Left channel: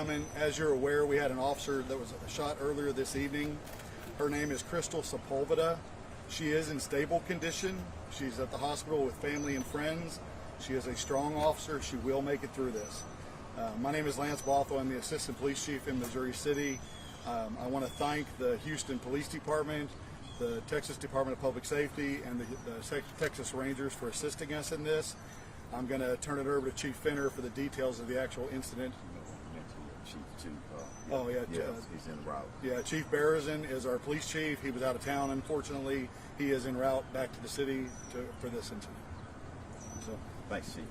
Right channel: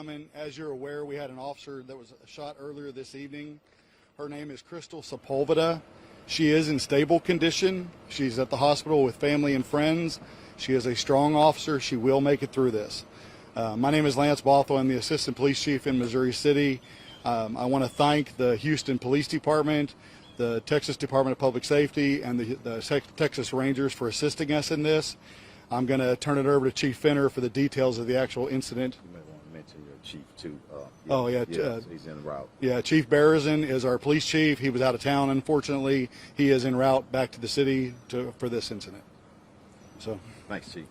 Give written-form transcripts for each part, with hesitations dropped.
gentlemen, as you're aware, we had an officer that was shot earlier this evening. Her name is Crystal Sepulveda. She is in stable condition. She's at the hospital with family and friends. She is a strong officer. She will make it through this. My name is Lance Bothell. I'm the Assistant Police Chief in Missouri City. I want to thank the Houston Police Department, the Texas Department of Public Safety, and the Texas Rangers for assisting us in this. I'm going to turn it over to Chief Fenner for the details of the actual incident. Mention your chief too. He's en route. Yeah, Chief Berezin is our police chief. He was out of town, unfortunately. He is en route back to the city for this incident. So, thanks, Chief.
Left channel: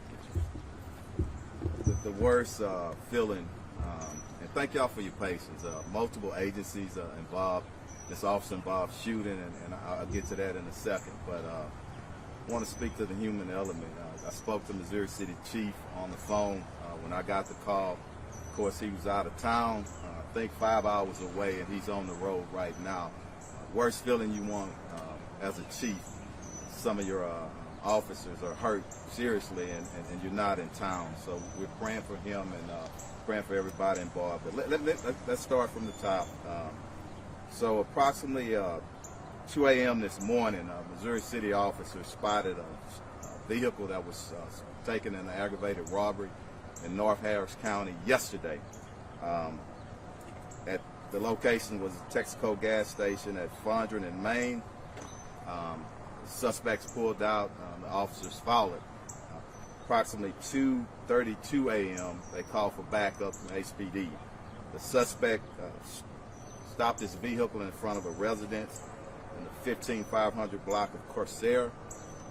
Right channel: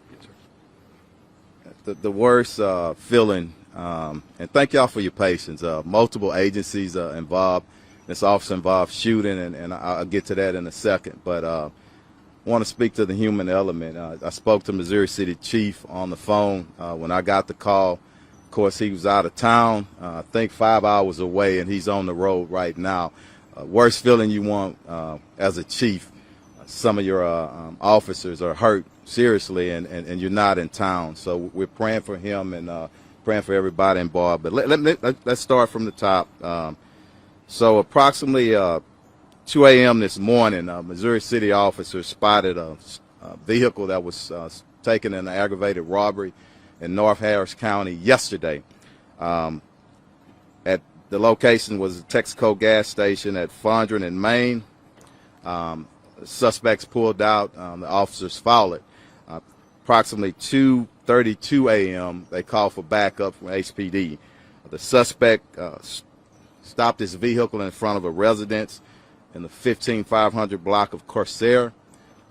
The worst feeling, and thank y'all for your patience. Multiple agencies involved. This officer involved shooting, and I'll get to that in a second. But I want to speak to the human element. I spoke to Missouri City Chief on the phone when I got the call. Of course, he was out of town, I think 5 hours away, and he's on the road right now. Worst feeling you want as a chief. Some of your officers are hurt seriously, and you're not in town. So we're praying for him and praying for everybody involved. But let's start from the top. So approximately 2 a.m. this morning, Missouri City officers spotted a vehicle that was taken in an aggravated robbery in North Harris County yesterday. At the location was a Texaco gas station at Fondren and Main. Suspects pulled out. The officers followed. Approximately 2:32 a.m., they called for backup from HPD. The suspect stopped his vehicle in front of a residence in the 15500 block of Corsair.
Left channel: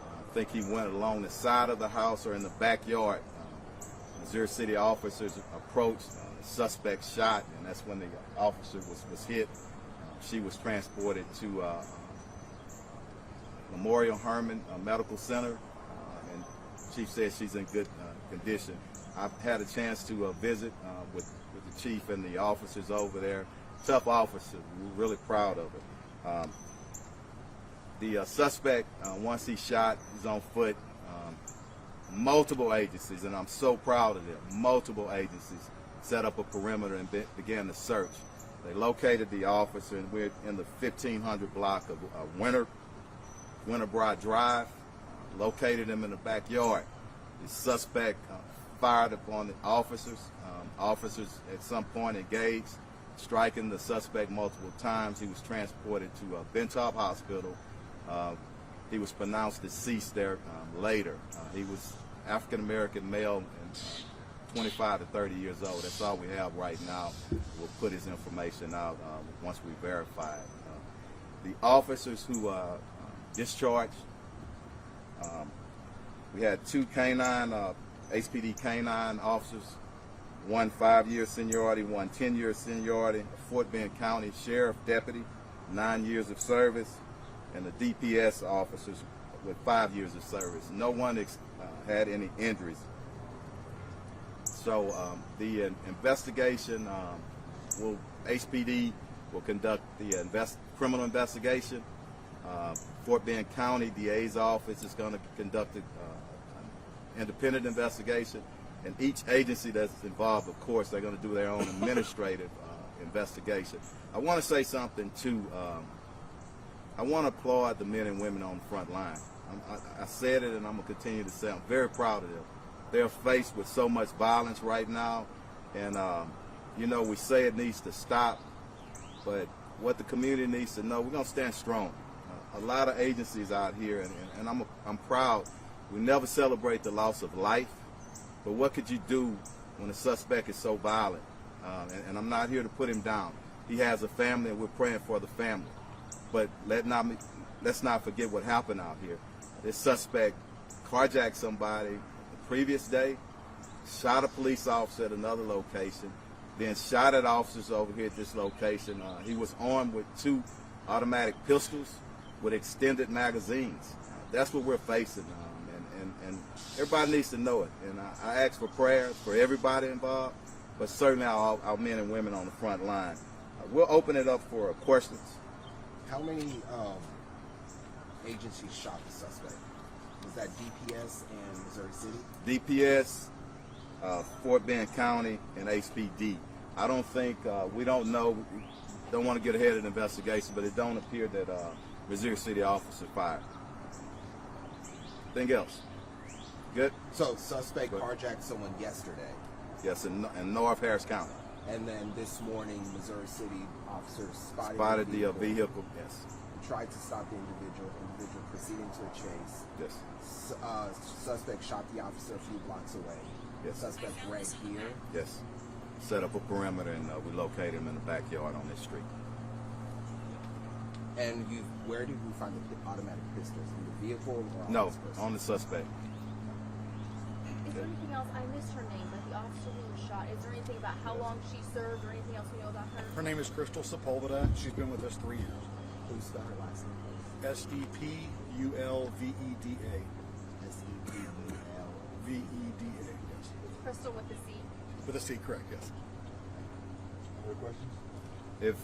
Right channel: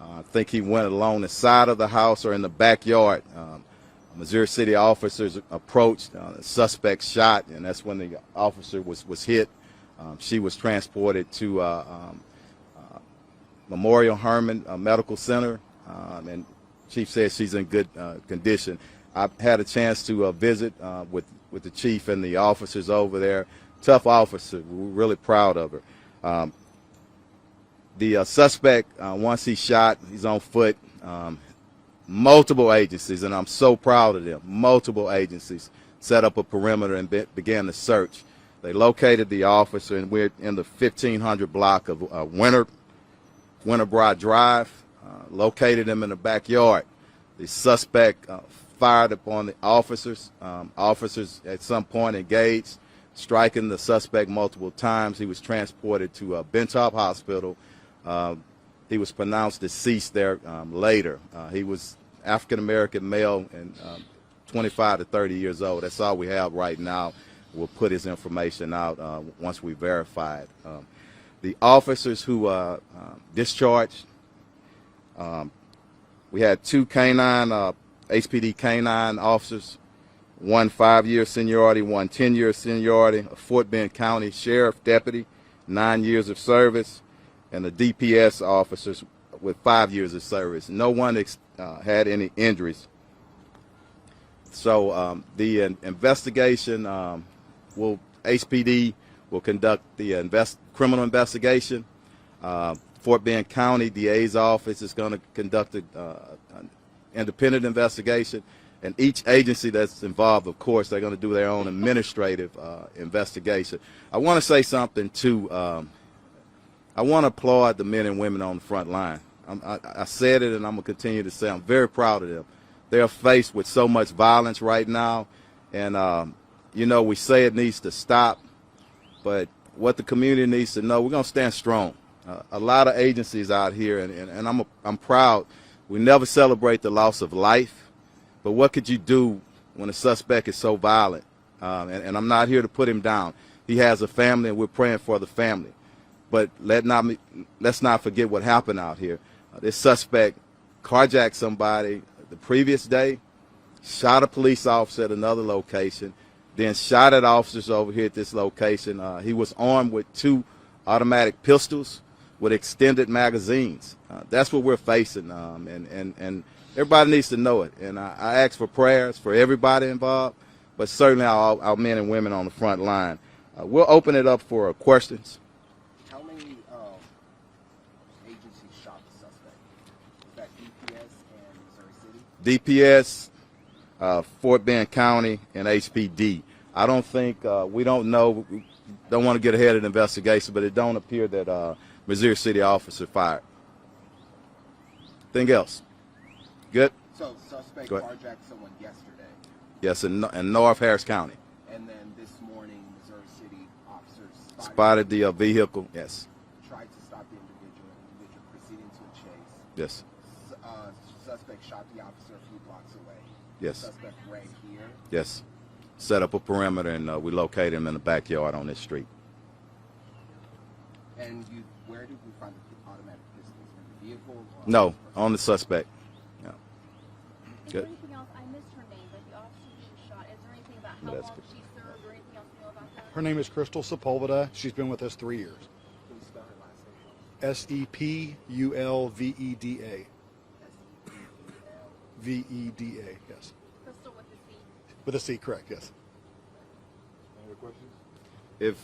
I think he went along the side of the house or in the backyard. Missouri City officers approached. The suspect shot, and that's when the officer was hit. She was transported to Memorial Hermann Medical Center, and Chief says she's in good condition. I've had a chance to visit with the chief and the officers over there. Tough officer. We're really proud of her. The suspect, once he's shot, he's on foot. Multiple agencies, and I'm so proud of them, multiple agencies set up a perimeter and began the search. They located the officer, and we're in the 1500 block of Winterbroad Drive, located him in the backyard. The suspect fired upon the officers. Officers at some point engaged, striking the suspect multiple times. He was transported to Bentop Hospital. He was pronounced deceased there later. He was African-American male and 25 to 30 years old. That's all we have right now. We'll put his information out once we verify it. The officers who discharged, we had 2 canine, HPD canine officers, 1 5-year seniority, 1 10-year seniority, a Fort Bend County Sheriff Deputy, 9 years of service, and the DPS officers with 5 years of service. No one had any injuries. So the investigation, HPD will conduct the criminal investigation. Fort Bend County DA's office is going to conduct an independent investigation. And each agency that's involved, of course, they're going to do their own administrative investigation. I want to say something, too. I want to applaud the men and women on the front line. I said it, and I'm going to continue to say I'm very proud of them. They're faced with so much violence right now, and, you know, we say it needs to stop, but what the community needs to know, we're going to stand strong. A lot of agencies out here, and I'm proud. We never celebrate the loss of life, but what could you do when a suspect is so violent? And I'm not here to put him down. He has a family, and we're praying for the family. But let's not forget what happened out here. This suspect carjacked somebody the previous day, shot a police officer at another location, then shot at officers over here at this location. He was armed with 2 automatic pistols with extended magazines. That's what we're facing, and everybody needs to know it. And I ask for prayers for everybody involved, but certainly our men and women on the front line. We'll open it up for questions. How many agencies shot the suspect? Was that DPS and Missouri City? DPS, Fort Bend County, and HPD. I don't think we don't know. Don't want to get ahead of the investigation, but it don't appear that Missouri City officer fired. Anything else? Good. So suspect Go ahead. carjacked someone yesterday, Yes, in North Harris County. and then this morning Missouri City officers Spotted the vehicle. Yes. tried to stop the individual. Individual proceeding to a chase. Yes. Suspect shot the officer a few blocks away. Yes. Suspect ran here. Yes. Set up a perimeter, and we located him in the backyard on this street. And where did you find the automatic pistols? In the vehicle or on No, this person? on the suspect. Is Good. there anything else? I missed her name, like the officer who was shot. Is there anything about how Yes. long she served or anything else we know about her? Her name is Crystal Sepulveda. She's been with us 3 years. Who spelled her last name? Sepulveda. S-E-P-U-L. Veda. Yes. Crystal with the C. With a C, correct? Yes. If